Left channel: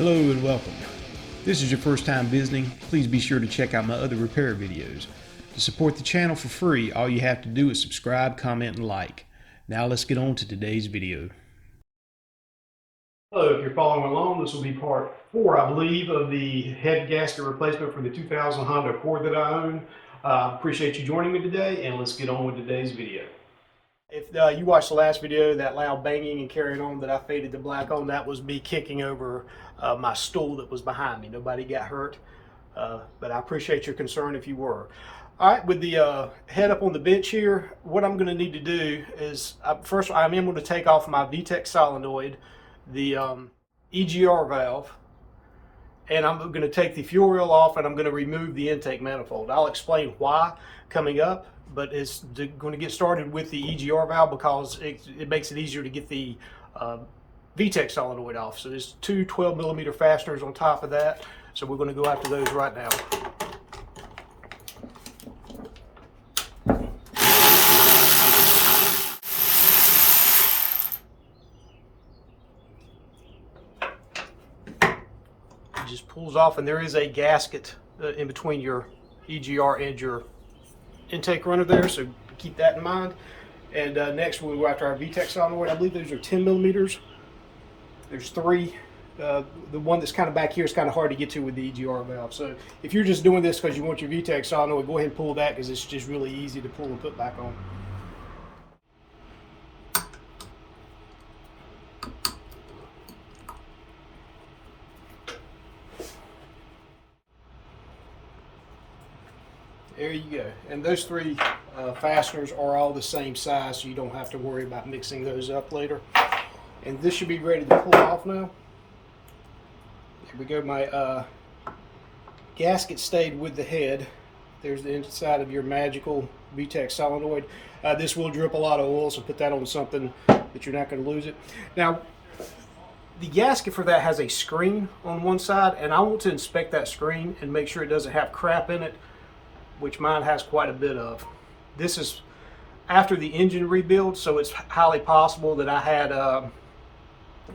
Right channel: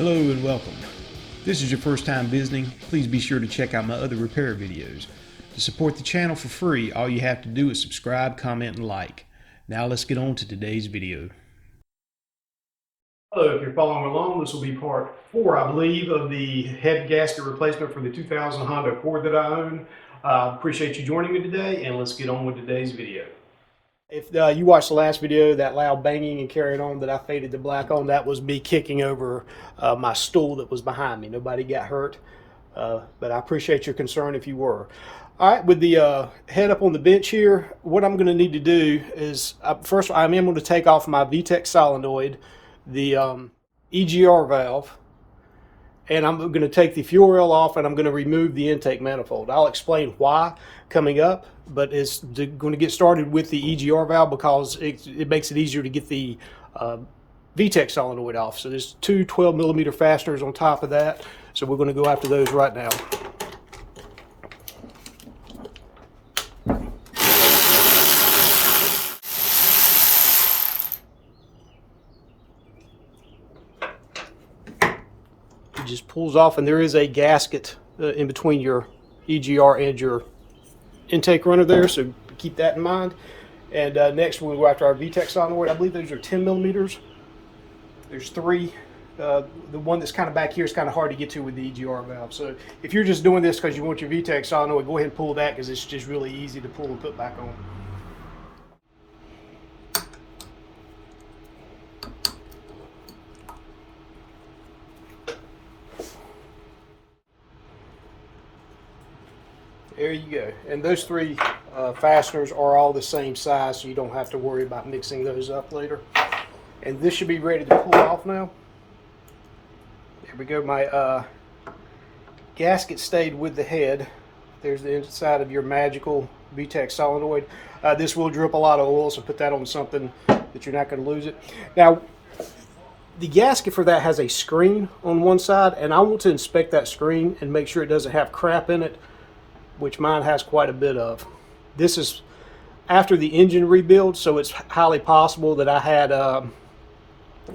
Hello and welcome. If this is your first time visiting, please be sure to check out my other repair videos. To support the channel for free, all you have to do is subscribe, comment, and like. Now let's get on to today's video. Hello, if you're following along, this will be part 4, I believe, of the head gasket replacement for the 2000 Honda Accord that I own. Appreciate you joining me today, and let's get on with today's video. If you watched the last video, that loud banging and carrying on that I faded to black on, that was me kicking over my stool that was behind me. Nobody got hurt, but I appreciate your concern if you were. All right, with the head up on the bench here, what I'm going to need to do is, first I'm going to take off my VTEC solenoid, the EGR valve, and I'm going to take the fuel rail off, and I'm going to remove the intake manifold. I'll explain why coming up, but it's going to get started with the EGR valve because it makes it easier to get the VTEC solenoid off. So there's two 12mm fasteners on top of that, so we're going to go after those right now. It just pulls off, and there is a gasket in between your EGR and your intake runner there, so keep that in mind. And next we'll go after our VTEC solenoid. I believe those are 10mm. There's three. The one that's kind of back here is kind of hard to get to with the EGR valve. So if you're just doing this because you want your VTEC solenoid, go ahead and pull that because it's just really easy to pull and put back on. There you go. And those three fasteners are all the same size, so you don't have to worry about mixing those up later. And this should be ready to pull off now. There we go. My gasket stayed with the head. There's the inside of your magical VTEC solenoid. This will drip a lot of oil, so put that on something that you're not going to lose it. Now, the gasket for that has a screen on one side, and I want to inspect that screen and make sure it doesn't have crap in it, which mine has quite a bit of. This is after the engine rebuild, so it's highly possible that I had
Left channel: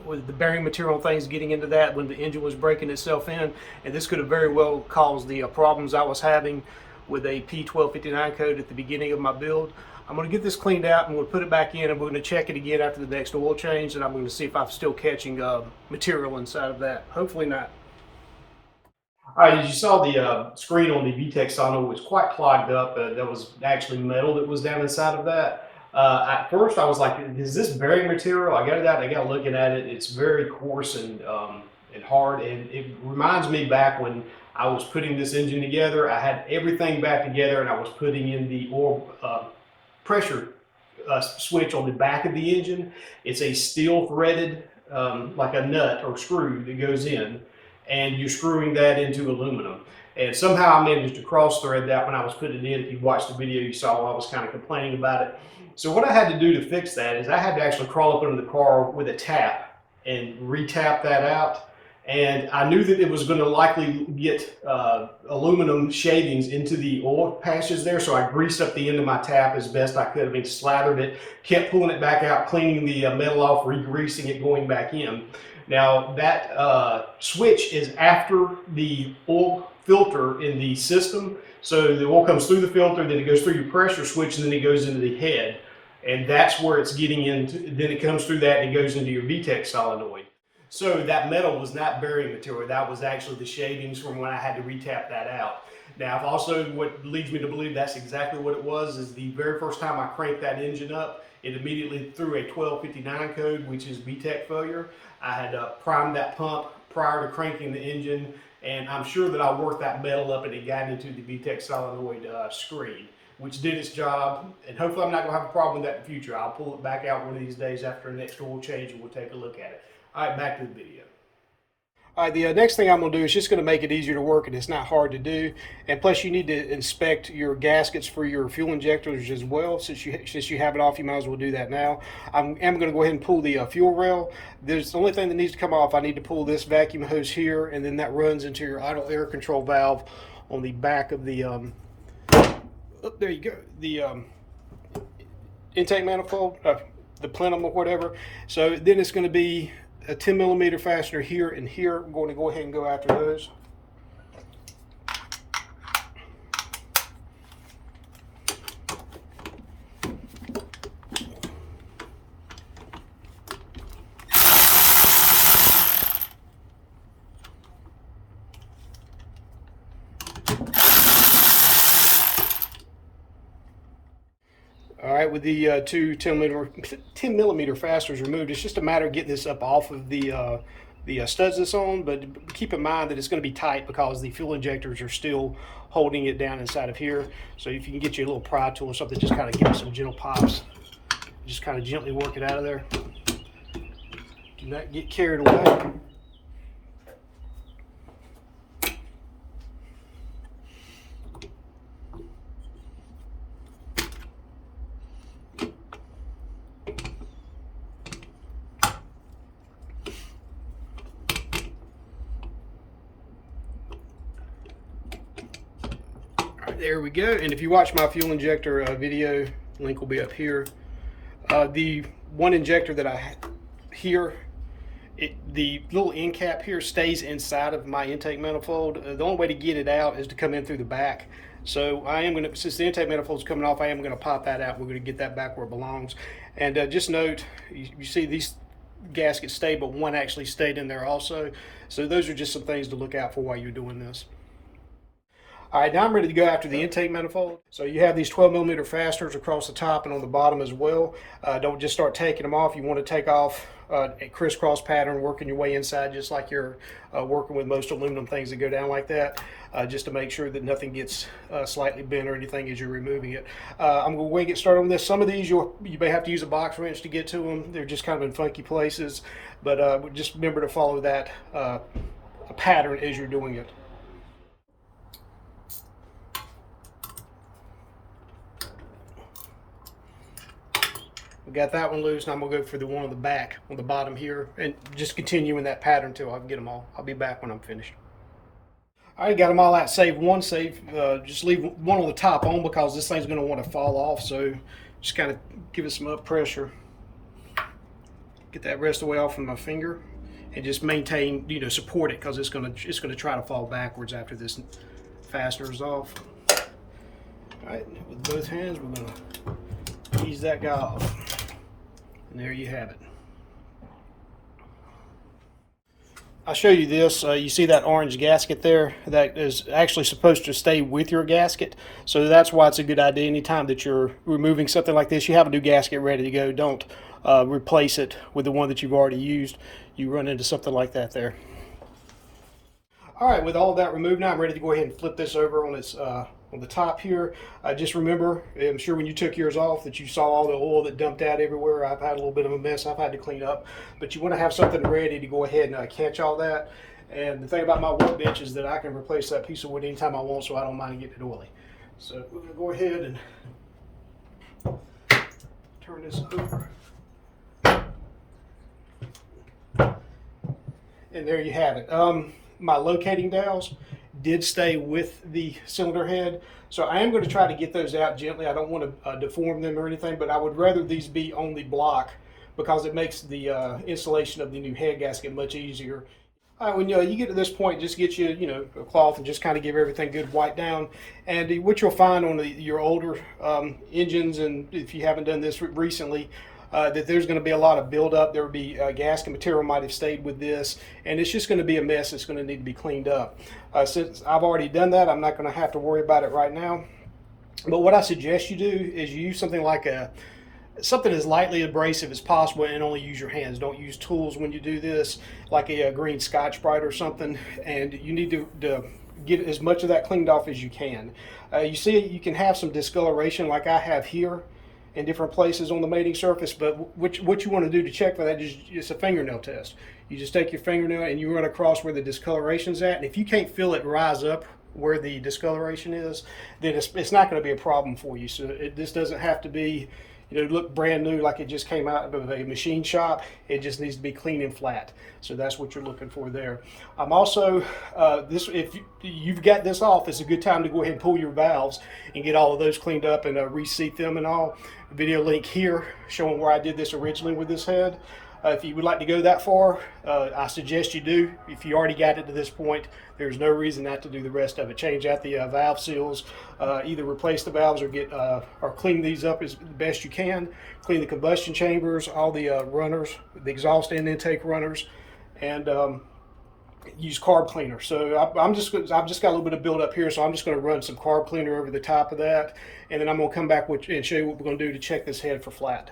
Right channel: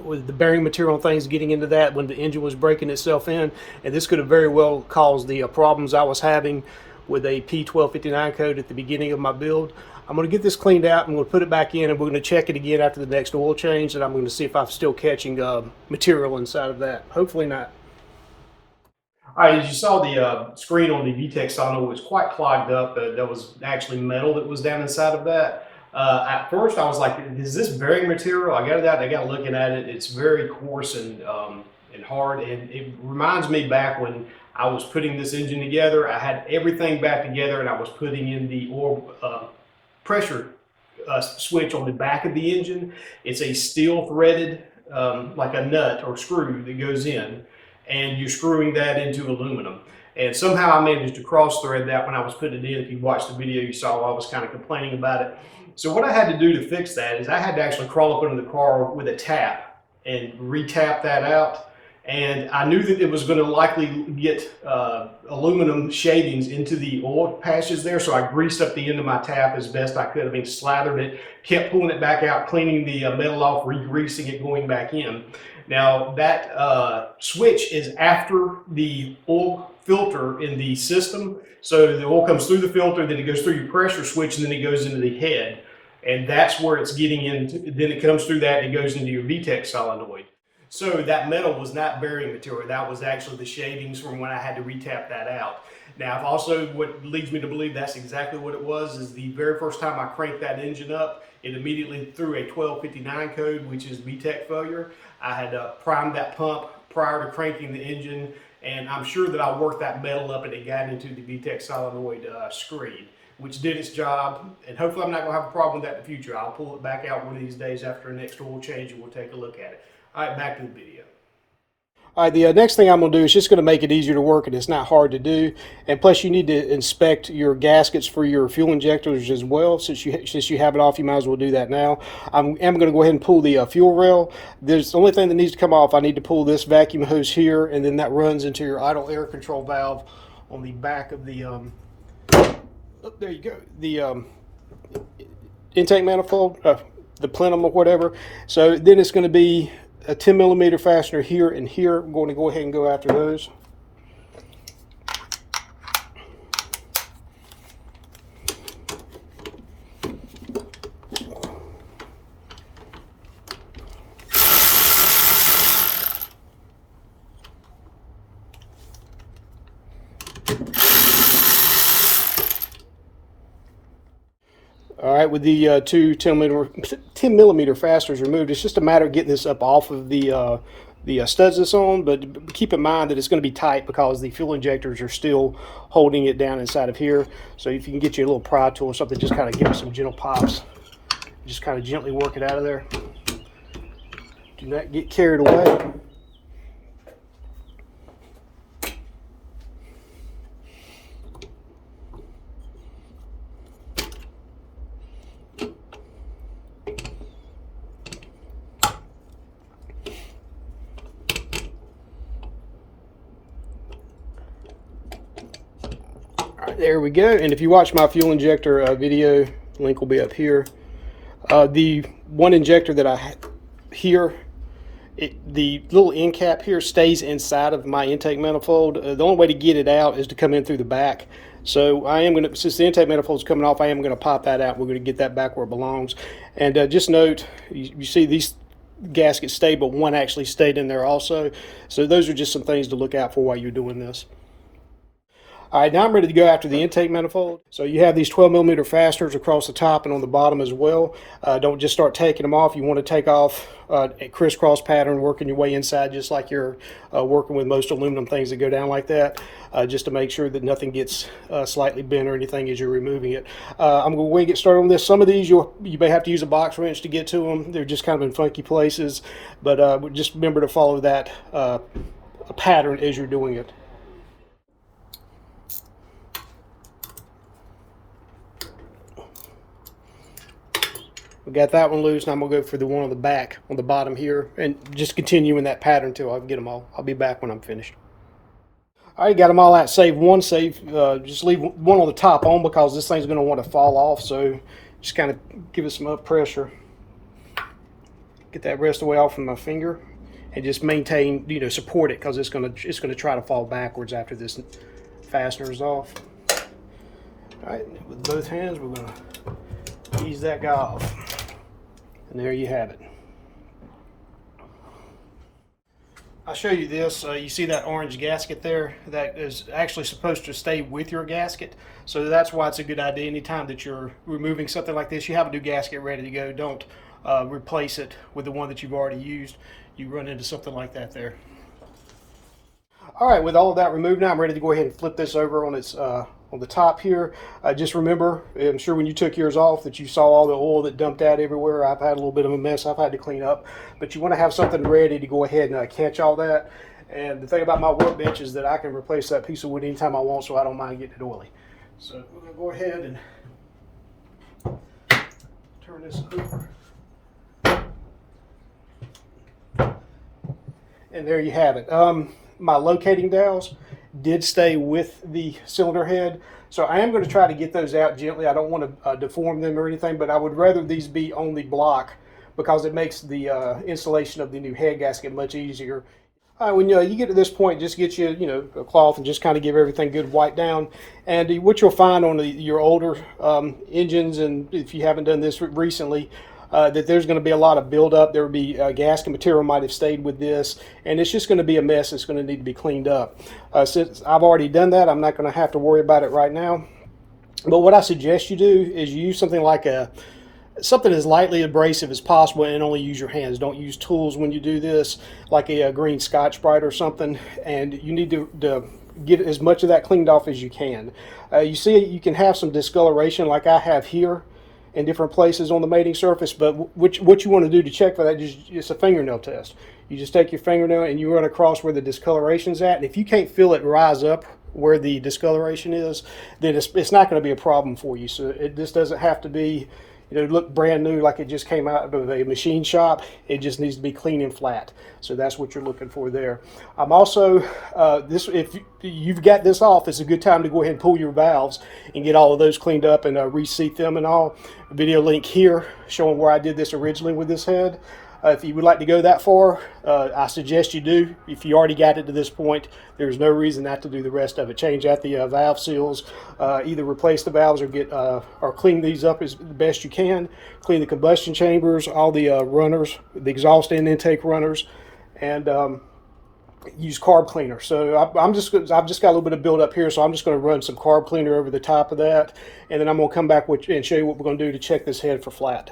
with the bearing material and things getting into that when the engine was breaking itself in, and this could have very well caused the problems I was having with a P1259 code at the beginning of my build. I'm going to get this cleaned out and we'll put it back in, and we're going to check it again after the next oil change, and I'm going to see if I'm still catching material inside of that. Hopefully not. All right, as you saw, the screen on the VTEC solenoid was quite clogged up. That was actually metal that was down inside of that. At first, I was like, is this bearing material? I got it out, I got looking at it. It's very coarse and hard, and it reminds me back when I was putting this engine together. I had everything back together, and I was putting in the oil pressure switch on the back of the engine. It's a steel threaded, like a nut or screw that goes in, and you're screwing that into aluminum. And somehow I managed to cross thread that when I was putting it in. If you watched the video, you saw I was kind of complaining about it. So what I had to do to fix that is I had to actually crawl up under the car with a tap and re-tap that out. And I knew that it was going to likely get aluminum shavings into the oil patches there, so I greased up the end of my tap as best I could. I mean, slathered it, kept pulling it back out, cleaning the metal off, re-greasing it, going back in. Now that switch is after the oil filter in the system. So the oil comes through the filter, then it goes through your pressure switch, and then it goes into the head. And that's where it's getting into, then it comes through that and it goes into your VTEC solenoid. So that metal was not bearing material. That was actually the shavings from when I had to re-tap that out. Now, also what leads me to believe that's exactly what it was is the very first time I cranked that engine up, it immediately threw a 1259 code, which is VTEC failure. I had primed that pump prior to cranking the engine, and I'm sure that I worked that metal up and it got into the VTEC solenoid screen, which did its job. And hopefully I'm not going to have a problem with that in the future. I'll pull it back out one of these days after the next oil change, and we'll take a look at it. All right, back to the video. All right, the next thing I'm going to do is just going to make it easier to work, and it's not hard to do. And plus, you need to inspect your gaskets for your fuel injectors as well. Since you have it off, you might as well do that now. I am going to go ahead and pull the fuel rail. There's the only thing that needs to come off. I need to pull this vacuum hose here, and then that runs into your idle air control valve on the back of the. Oh, there you go. The intake manifold, the plenum or whatever. So then it's going to be a 10 millimeter fastener here and here. I'm going to go ahead and go after those. All right, with the two 10 millimeter fasteners removed, it's just a matter of getting this up off of the studs it's on, but keep in mind that it's going to be tight because the fuel injectors are still holding it down inside of here. So if you can get you a little pry tool or something, just kind of give it some gentle pops. Just kind of gently work it out of there. Do not get carried away. There we go. And if you watch my fuel injector video, link will be up here. The one injector that I had here, the little end cap here stays inside of my intake manifold. The only way to get it out is to come in through the back. So I am going to, since the intake manifold is coming off, I am going to pop that out. We're going to get that back where it belongs. And just note, you see these gaskets stayed, but one actually stayed in there also. So those are just some things to look out for while you're doing this. All right, now I'm ready to go after the intake manifold. So you have these 12 millimeter fasteners across the top and on the bottom as well. Don't just start taking them off. You want to take off a crisscross pattern, working your way inside just like you're working with most aluminum things that go down like that, just to make sure that nothing gets slightly bent or anything as you're removing it. I'm going to get started on this. Some of these you may have to use a box wrench to get to them. They're just kind of in funky places, but just remember to follow that pattern as you're doing it. We got that one loose. Now I'm going to go for the one on the back, on the bottom here, and just continue in that pattern until I get them all. I'll be back when I'm finished. All right, got them all out. Save one. Just leave one on the top on because this thing's going to want to fall off. So just kind of give it some up pressure. Get that rest of the way off from my finger, and just maintain, support it because it's going to try to fall backwards after this fastener is off. All right, with both hands, we're going to ease that guy off. And there you have it. I'll show you this. You see that orange gasket there? That is actually supposed to stay with your gasket. So that's why it's a good idea anytime that you're removing something like this, you have a new gasket ready to go. Don't replace it with the one that you've already used. You run into something like that there. All right, with all of that removed now, I'm ready to go ahead and flip this over on its on the top here. Just remember, I'm sure when you took yours off that you saw all the oil that dumped out everywhere. I've had a little bit of a mess I've had to clean up, but you want to have something ready to go ahead and catch all that. And the thing about my workbench is that I can replace that piece of wood anytime I want, so I don't mind getting it oily. So we're going to go ahead and turn this over. And there you have it. My locating dowels did stay with the cylinder head, so I am going to try to get those out gently. I don't want to deform them or anything, but I would rather these be on the block because it makes the installation of the new head gasket much easier. When you get to this point, just get you a cloth and just kind of give everything good wipe down. And what you'll find on your older engines, and if you haven't done this recently, that there's going to be a lot of buildup. There will be gasket material might have stayed with this, and it's just going to be a mess. It's going to need to be cleaned up. Since I've already done that, I'm not going to have to worry about it right now. But what I suggest you do is you use something like something as lightly abrasive as possible, and only use your hands. Don't use tools when you do this, like a green Scotch-Brite or something. And you need to get as much of that cleaned off as you can. You see, you can have some discoloration like I have here in different places on the mating surface, but what you want to do to check for that is just a fingernail test. You just take your fingernail and you run across where the discoloration's at, and if you can't feel it rise up where the discoloration is, then it's not going to be a problem for you. So this doesn't have to be look brand new like it just came out of a machine shop. It just needs to be clean and flat. So that's what you're looking for there. I'm also, if you've got this off, it's a good time to go ahead and pull your valves and get all of those cleaned up and reseat them and all. A video link here showing where I did this originally with this head. If you would like to go that far, I suggest you do. If you already got it to this point, there's no reason not to do the rest of it. Change out the valve seals, either replace the valves or get or clean these up as the best you can. Clean the combustion chambers, all the runners, the exhaust and intake runners, and use carb cleaner. So I've just got a little bit of build up here, so I'm just going to run some carb cleaner over the top of that, and then I'm going to come back and show you what we're going to do to check this head for flat.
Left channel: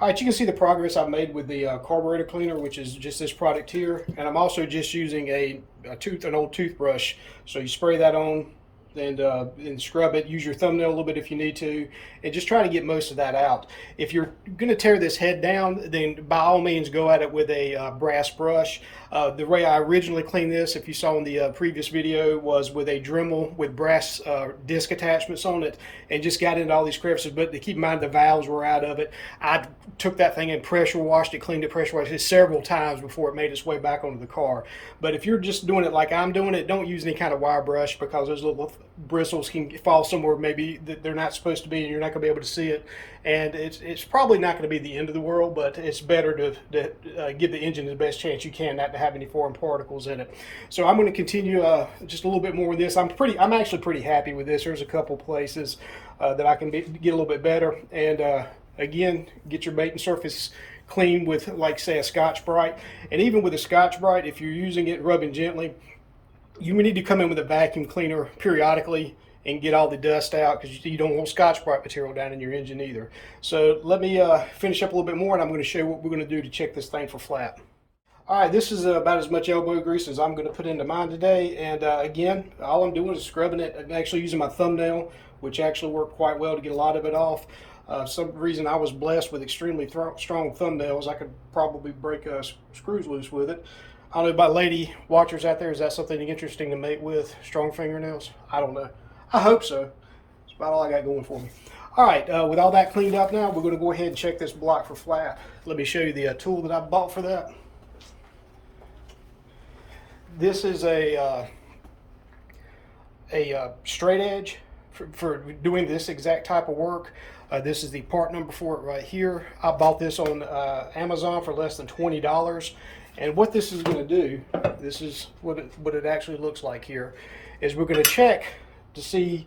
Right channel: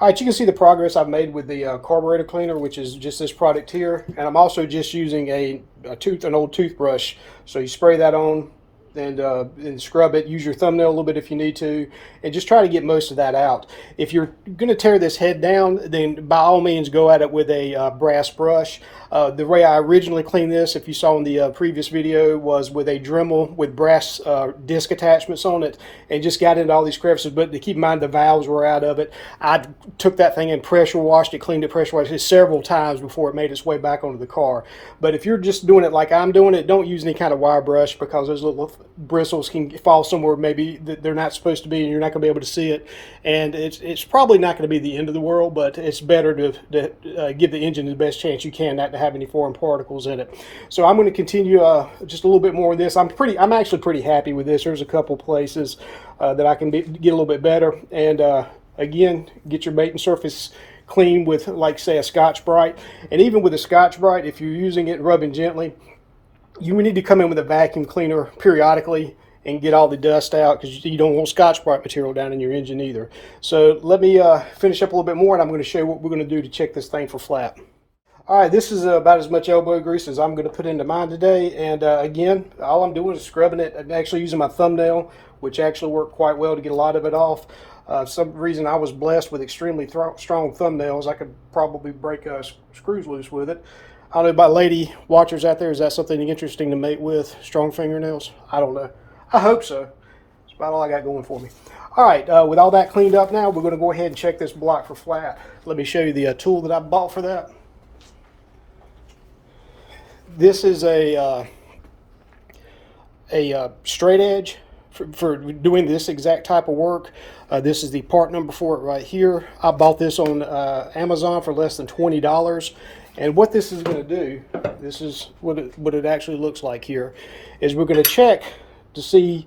All right, you can see the progress I've made with the carburetor cleaner, which is just this product here, and I'm also just using an old toothbrush. So you spray that on and scrub it. Use your thumbnail a little bit if you need to, and just try to get most of that out. If you're going to tear this head down, then by all means go at it with a brass brush. The way I originally cleaned this, if you saw in the previous video, was with a Dremel with brass disc attachments on it, and just got into all these crevices. But to keep in mind, the valves were out of it. I took that thing and pressure washed it, cleaned it, pressure washed it several times before it made its way back onto the car. But if you're just doing it like I'm doing it, don't use any kind of wire brush, because those little bristles can fall somewhere maybe that they're not supposed to be, and you're not going to be able to see it. And it's probably not going to be the end of the world, but it's better to give the engine the best chance you can not to have any foreign particles in it. So I'm going to continue just a little bit more on this. I'm actually pretty happy with this. There's a couple places that I can get a little bit better. And again, get your mating surface clean with, like, say, a Scotch-Brite. And even with a Scotch-Brite, if you're using it and rubbing gently, you need to come in with a vacuum cleaner periodically and get all the dust out, because you don't want Scotch-Brite material down in your engine either. So let me finish up a little bit more, and I'm going to show you what we're going to do to check this thing for flat. All right, this is about as much elbow grease as I'm going to put into mine today. And again, all I'm doing is scrubbing it and actually using my thumbnail, which actually worked quite well to get a lot of it off. Some reason I was blessed with extremely strong thumbnails. I could probably break screws loose with it. I don't know about lady watchers out there. Is that something interesting to mate with? Strong fingernails? I don't know. I hope so. That's about all I got going for me. All right, with all that cleaned up now, we're going to go ahead and check this block for flat. Let me show you the tool that I bought for that. This is a straight edge for doing this exact type of work. This is the part number for it right here. I bought this on Amazon for less than $20. And what this is going to do, this is what it actually looks like here, is we're going to check to see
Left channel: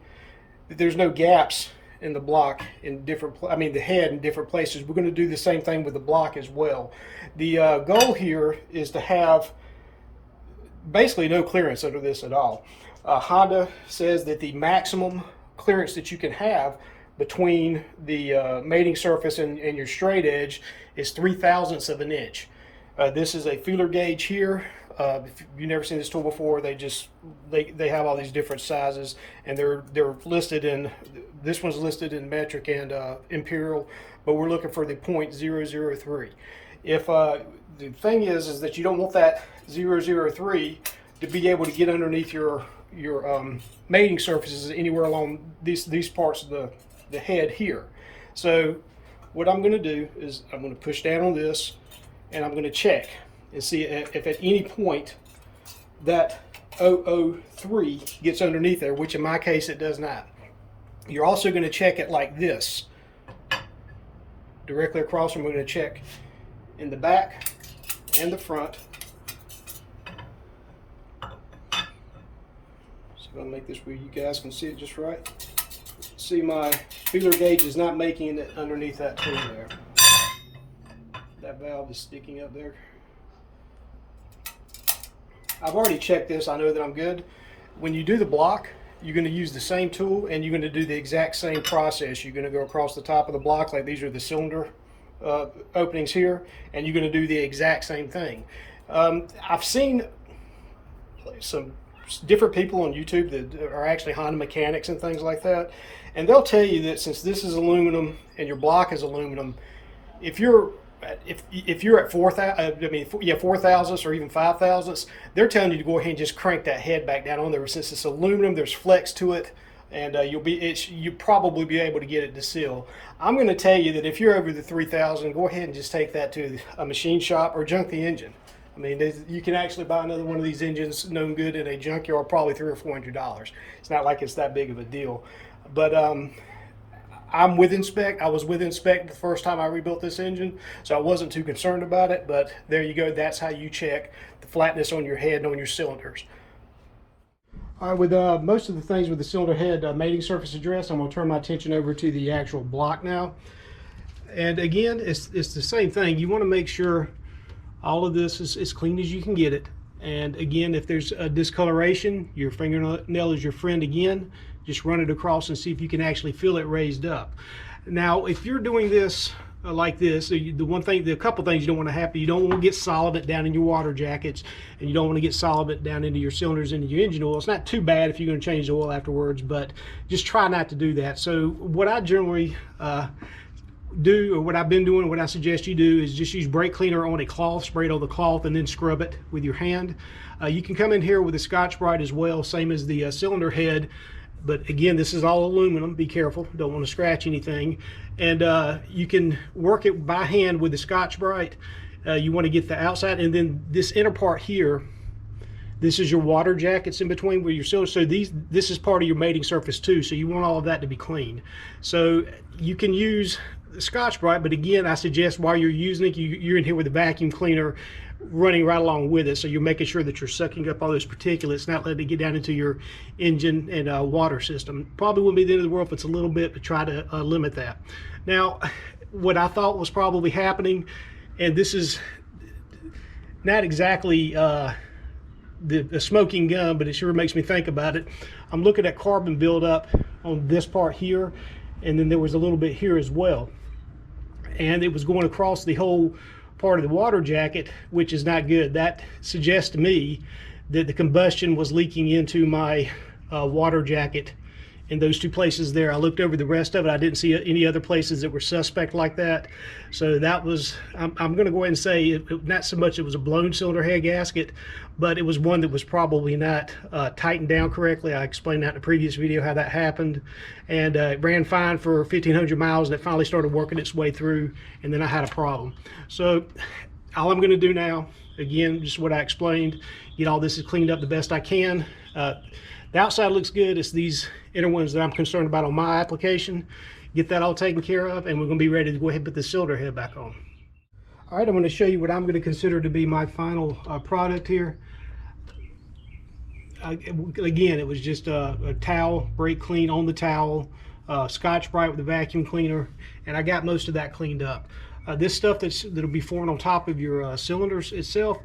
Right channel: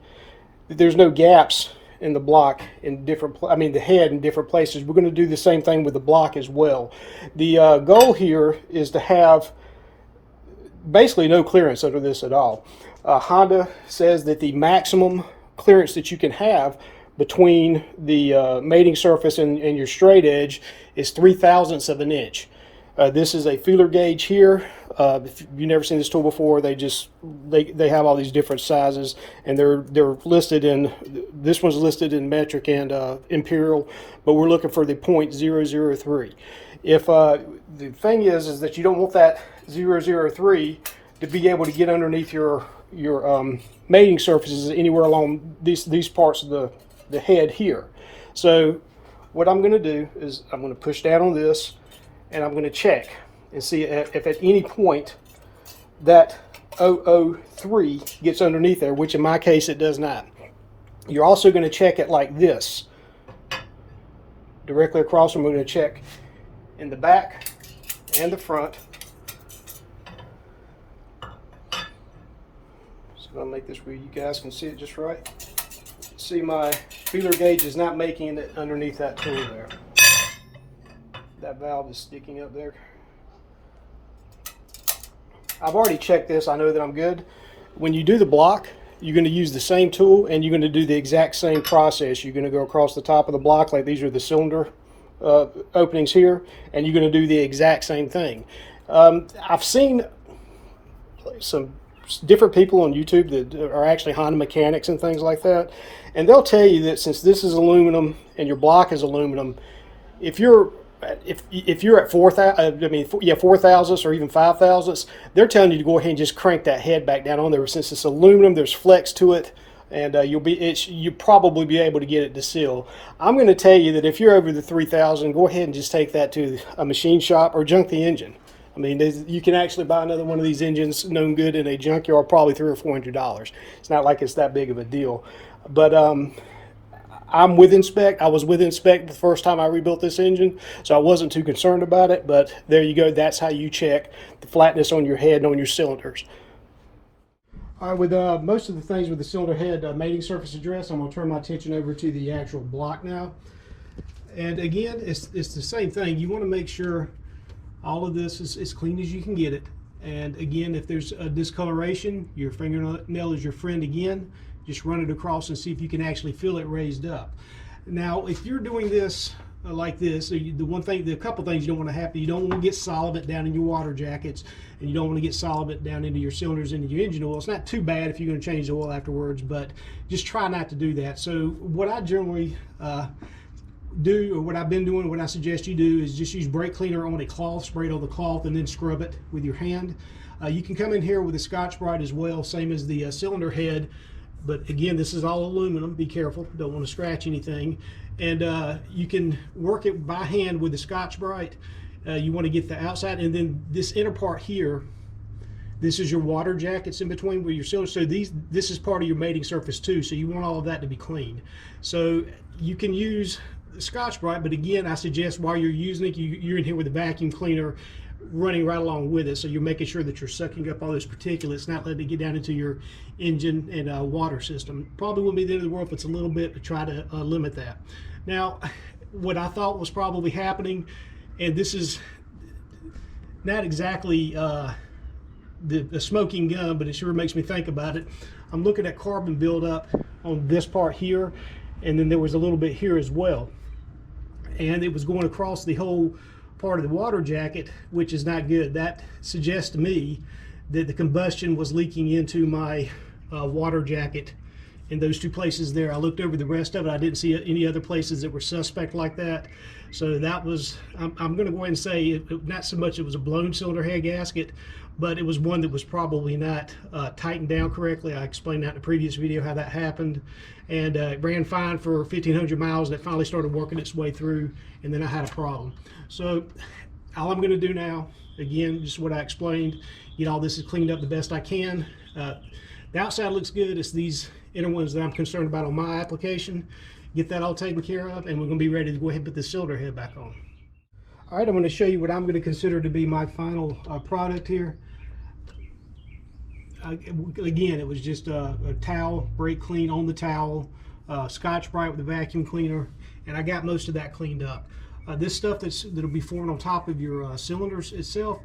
that there's no gaps in the block in the head in different places. We're going to do the same thing with the block as well. The goal here is to have basically no clearance under this at all. Honda says that the maximum clearance that you can have between the mating surface and your straight edge is 0.03 of an inch. This is a feeler gauge here. If you've never seen this tool before, they have all these different sizes, and they're listed in, this one's listed in metric and imperial, but we're looking for the 0.003. If the thing is that you don't want that 0.003 to be able to get underneath your mating surfaces anywhere along these parts of the head here. So what I'm going to do is I'm going to push down on this, and I'm going to check and see if at any point that 0.003 gets underneath there, which in my case it does not. You're also going to check it like this, directly across. I'm going to check in the back and the front. So I'm going to make this where you guys can see it just right. See, my feeler gauge is not making it underneath that tool there. That valve is sticking up there. I've already checked this. I know that I'm good. When you do the block, you're going to use the same tool, and you're going to do the exact same process. You're going to go across the top of the block, like these are the cylinder openings here, and you're going to do the exact same thing. I've seen some different people on YouTube that are actually Honda mechanics and things like that, and they'll tell you that since this is aluminum and your block is aluminum, if you're at 4 thousandths or even 5 thousandths, they're telling you to go ahead and just crank that head back down on there. Since it's aluminum, there's flex to it, and you'll probably be able to get it to seal. I'm going to tell you that if you're over the 3,000, go ahead and just take that to a machine shop or junk the engine. I mean, you can actually buy another one of these engines known good in a junkyard, probably $300 or $400. It's not like it's that big of a deal. But I'm within spec. I was within spec the first time I rebuilt this engine, so I wasn't too concerned about it, but there you go. That's how you check the flatness on your head and on your cylinders. All right, with most of the things with the cylinder head mating surface address, I'm going to turn my attention over to the actual block now. And again, it's the same thing. You want to make sure all of this is as clean as you can get it. And again, if there's a discoloration, your fingernail is your friend again. Just run it across and see if you can actually feel it raised up. Now, if you're doing this like this, the couple things you don't want to happen, you don't want to get solvent down in your water jackets, and you don't want to get solvent down into your cylinders, into your engine oil. It's not too bad if you're going to change the oil afterwards, but just try not to do that. So what I generally do, or what I've been doing, what I suggest you do, is just use brake cleaner on a cloth, spray it on the cloth, and then scrub it with your hand. You can come in here with a Scotch-Brite as well, same as the cylinder head. But again, this is all aluminum. Be careful, don't want to scratch anything. And you can work it by hand with the Scotch-Brite. You want to get the outside, and then this inner part here, this is your water jackets in between where your cylinders. So this is part of your mating surface too. So you want all of that to be clean. So you can use the Scotch-Brite, but again, I suggest while you're using it, you're in here with a vacuum cleaner running right along with it, so you're making sure that you're sucking up all those particulates, not letting it get down into your engine and water system. Probably wouldn't be the end of the world if it's a little bit, but try to limit that. Now, what I thought was probably happening, and this is not exactly the smoking gun, but it sure makes me think about it. I'm looking at carbon buildup on this part here, and then there was a little bit here as well, and it was going across the whole part of the water jacket, which is not good. That suggests to me that the combustion was leaking into my water jacket in those two places there. I looked over the rest of it. I didn't see any other places that were suspect like that. So that was, I'm going to go ahead and say, not so much it was a blown cylinder head gasket, but it was one that was probably not tightened down correctly. I explained that in the previous video how that happened. And it ran fine for 1,500 miles, and it finally started working its way through, and then I had a problem. So all I'm going to do now, again, just what I explained, get all this cleaned up the best I can. The outside looks good. It's these inner ones that I'm concerned about on my application. Get that all taken care of, and we're going to be ready to go ahead and put the cylinder head back on. All right, I'm going to show you what I'm going to consider to be my final product here. Again, it was just a towel, brake clean on the towel, Scotch-Brite with a vacuum cleaner, and I got most of that cleaned up. This stuff that'll be formed on top of your cylinders itself,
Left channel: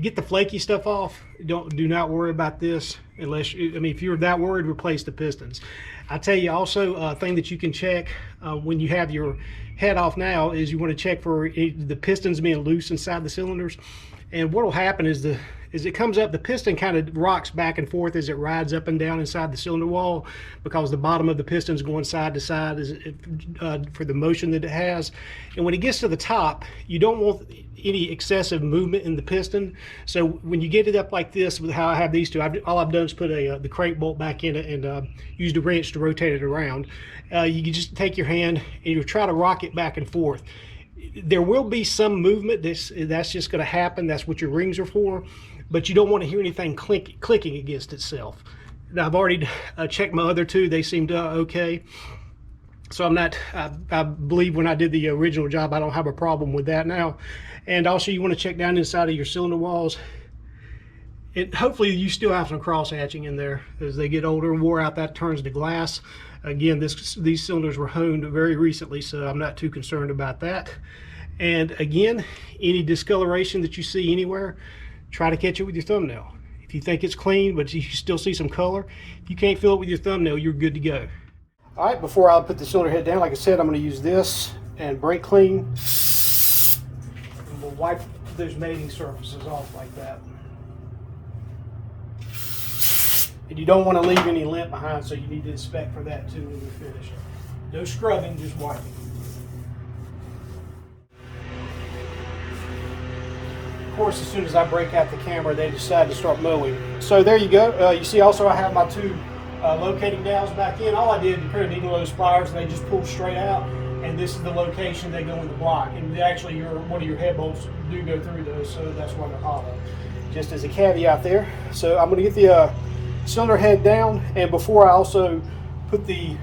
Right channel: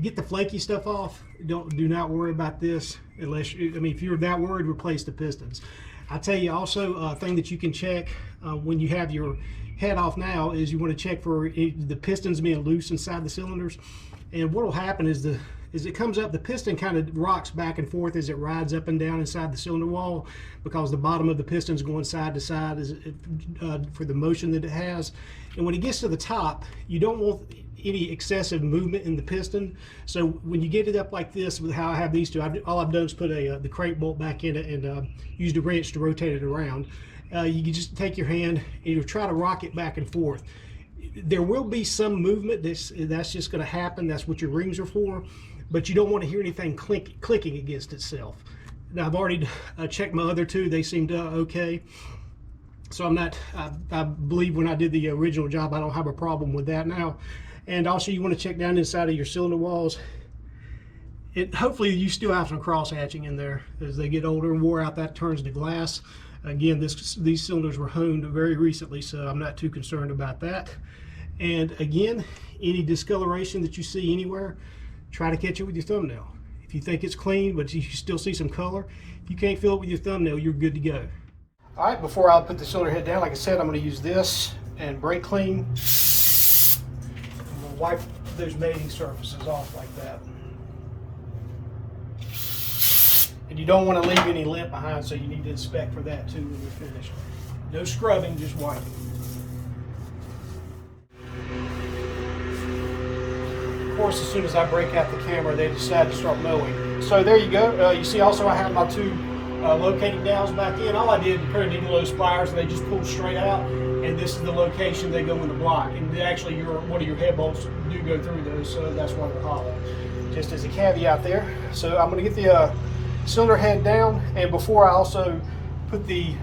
get the flaky stuff off. Do not worry about this unless if you're that worried, replace the pistons. I tell you also, a thing that you can check when you have your head off now is you want to check for the pistons being loose inside the cylinders. And what will happen is as it comes up, the piston kind of rocks back and forth as it rides up and down inside the cylinder wall, because the bottom of the piston's going side to side for the motion that it has. And when it gets to the top, you don't want any excessive movement in the piston. So when you get it up like this, with how I have these two, all I've done is put the crank bolt back in it and used a wrench to rotate it around. You can just take your hand and you try to rock it back and forth. There will be some movement. That's just going to happen. That's what your rings are for. But you don't want to hear anything clicking against itself. Now, I've already checked my other two. They seemed okay. So I believe when I did the original job, I don't have a problem with that now. And also, you want to check down inside of your cylinder walls. Hopefully you still have some cross hatching in there. As they get older and wore out, that turns to glass. Again, these cylinders were honed very recently, so I'm not too concerned about that. And again, any discoloration that you see anywhere, try to catch it with your thumbnail. If you think it's clean, but you still see some color, if you can't feel it with your thumbnail, you're good to go. All right, before I put the cylinder head down, like I said, I'm going to use this and brake clean. And we'll wipe those mating surfaces off like that. And you don't want to leave any lint behind, so you need to inspect for that too when you're finished. No scrubbing, just wiping. Of course, as soon as I break out the camera, they decide to start mowing. So there you go. You see also I have my two locating dowels back in. All I did was a pair of needle nose pliers, and they just pulled straight out. And this is the location they go in the block. And actually, one of your head bolts do go through those, so that's why they're hollow. Just as a caveat there. So I'm going to get the cylinder head down, and before I also put the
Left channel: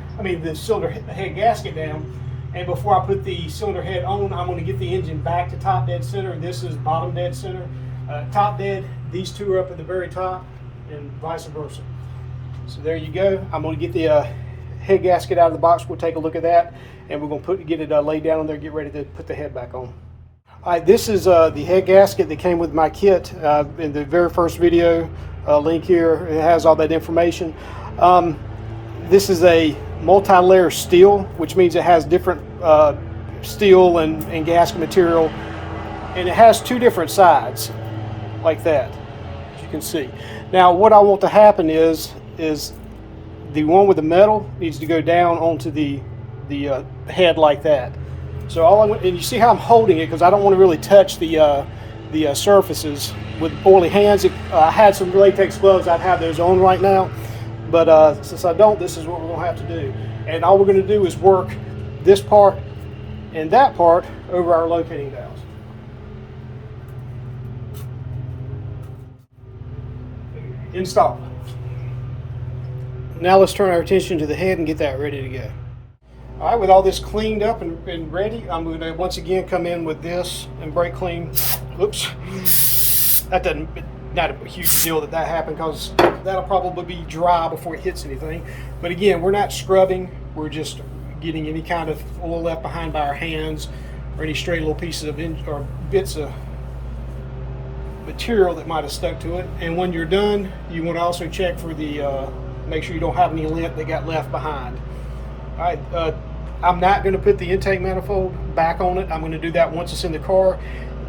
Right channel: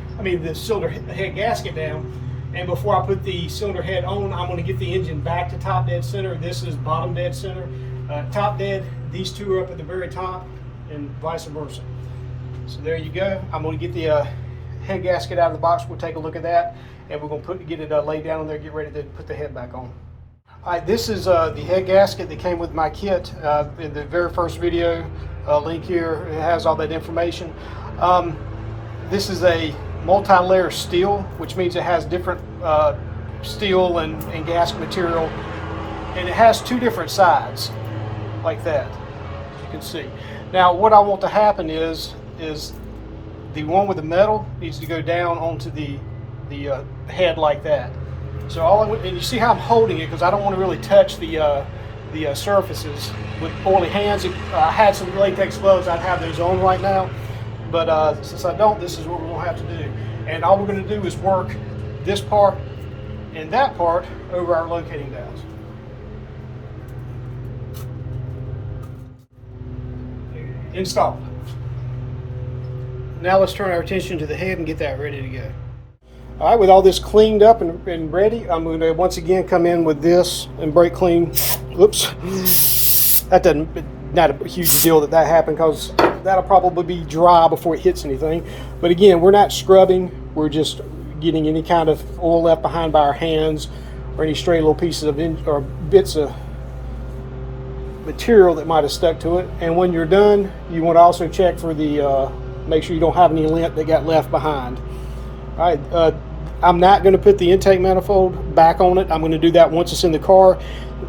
cylinder head gasket down. And before I put the cylinder head on, I'm going to get the engine back to top dead center. This is bottom dead center. Top dead, these two are up at the very top, and vice versa. So there you go. I'm going to get the head gasket out of the box. We'll take a look at that, and we're going to get it laid down there, get ready to put the head back on. All right, this is the head gasket that came with my kit in the very first video. Link here, it has all that information. This is a multi-layer steel, which means it has different steel and gasket material, and it has two different sides like that, as you can see. Now what I want to happen is the one with the metal needs to go down onto the head like that. So and you see how I'm holding it, because I don't want to really touch the surfaces with oily hands. If I had some latex gloves, I'd have those on right now. But since I don't, this is what we'll have to do. And all we're going to do is work this part and that part over our locating dowels. Installed. Now let's turn our attention to the head and get that ready to go. All right, with all this cleaned up and ready, I'm going to once again come in with this and brake clean. Whoops. Not a huge deal that happened, because that'll probably be dry before it hits anything. But again, we're not scrubbing, we're just getting any kind of oil left behind by our hands, or any stray little pieces of or bits of material that might have stuck to it. And when you're done, you want to also check for the make sure you don't have any lint that got left behind. All right, I'm not going to put the intake manifold back on it. I'm going to do that once it's in the car.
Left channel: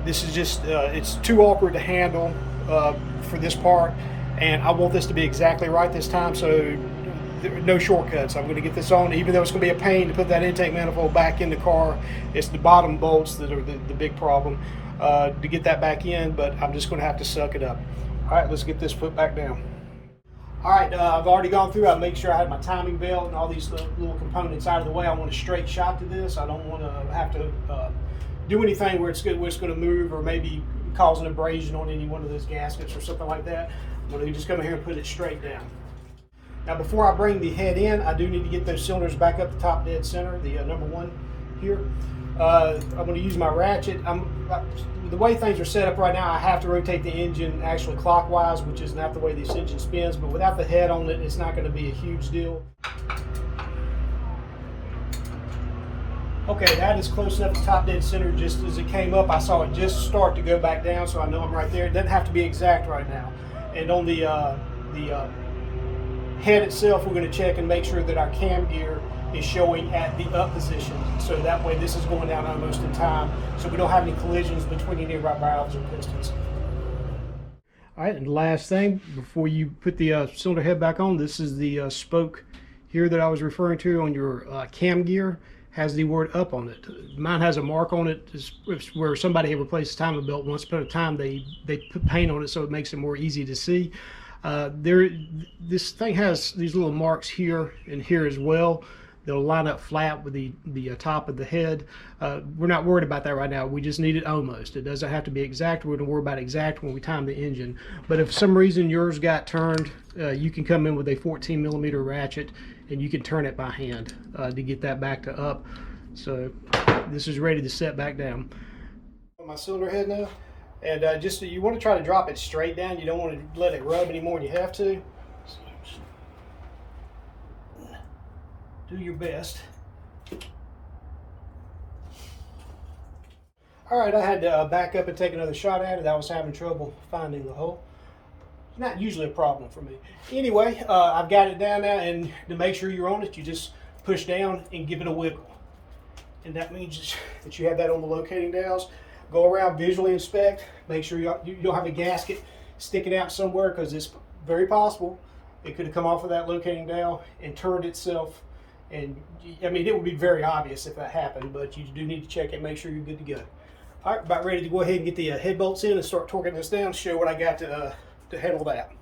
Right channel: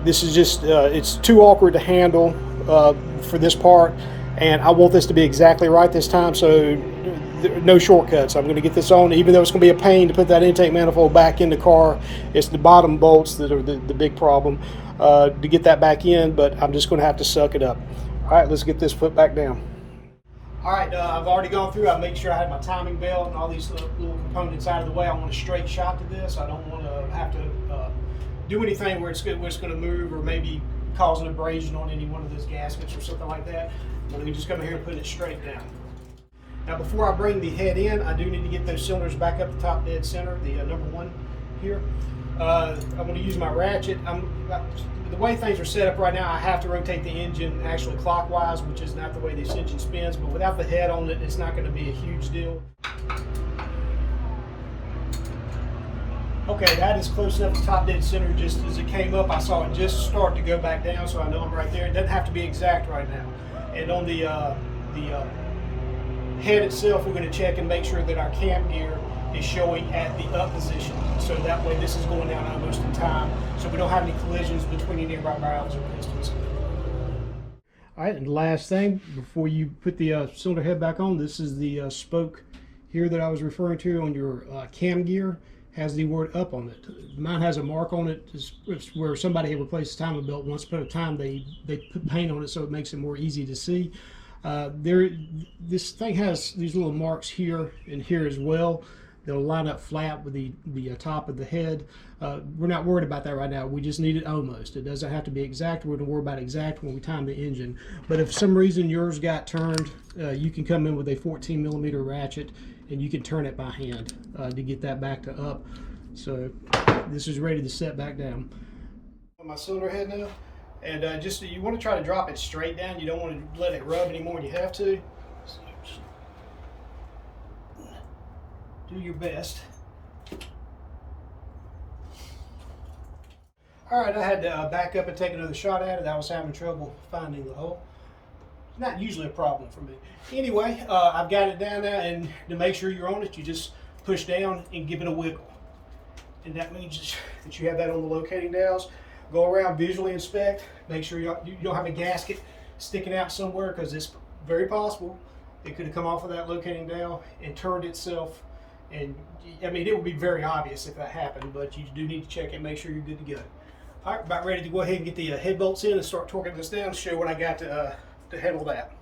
This is just it's too awkward to handle for this part, and I want this to be exactly right this time, so no shortcuts. I'm going to get this on, even though it's going to be a pain to put that intake manifold back in the car. It's the bottom bolts that are the big problem to get that back in, but I'm just going to have to suck it up. All right, let's get this foot back down. All right, I've already gone through. I make sure I had my timing belt and all these little components out of the way. I want a straight shot to this. I don't want to have to do anything where it's going to move, or maybe cause an abrasion on any one of those gaskets or something like that. I'm going to just come here and put it straight down. Now before I bring the head in, I do need to get those cylinders back up the top dead center, the number one here. I'm going to use my ratchet. The way things are set up right now, I have to rotate the engine actually clockwise, which is not the way this engine spins, but without the head on it, it's not going to be a huge deal. Okay, that is close enough to top dead center. Just as it came up, I saw it just start to go back down, so I know I'm right there. It doesn't have to be exact right now. And on the head itself, we're going to check and make sure that our cam gear is showing at the up position, so that way this is going down almost in time, so we don't have any collisions between any of our valves and pistons. All right, and the last thing before you put the cylinder head back on, this is the spoke here that I was referring to on your cam gear. Has the word up on it. Mine has a mark on it. It's where somebody had replaced the timing belt once upon a time. They put paint on it so it makes it more easy to see. This thing has these little marks here and here as well. They'll line up flat with the top of the head. We're not worried about that right now. We just need it almost. It doesn't have to be exact. We're going to worry about exact when we time the engine. But if for some reason yours got turned, you can come in with a 14mm ratchet and you can turn it by hand to get that back to up. So this is ready to set back down. On my cylinder head now, and just you want to try to drop it straight down. You don't want to let it rub any more than you have to. Do your best. All right, I had to back up and take another shot at it. I was having trouble finding the hole. Not usually a problem for me. Anyway, I've got it down now, and to make sure you're on it, you just push down and give it a wiggle. And that means that you have that on the locating dowels. Go around, visually inspect, make sure you don't have a gasket sticking out somewhere, because it's very possible it could have come off of that locating dowel and turned itself. And I mean, it would be very obvious if that happened, but you do need to check it, make sure you're good to go. All right, about ready to go ahead and get the head bolts in and start torquing this down to show what I got to handle that.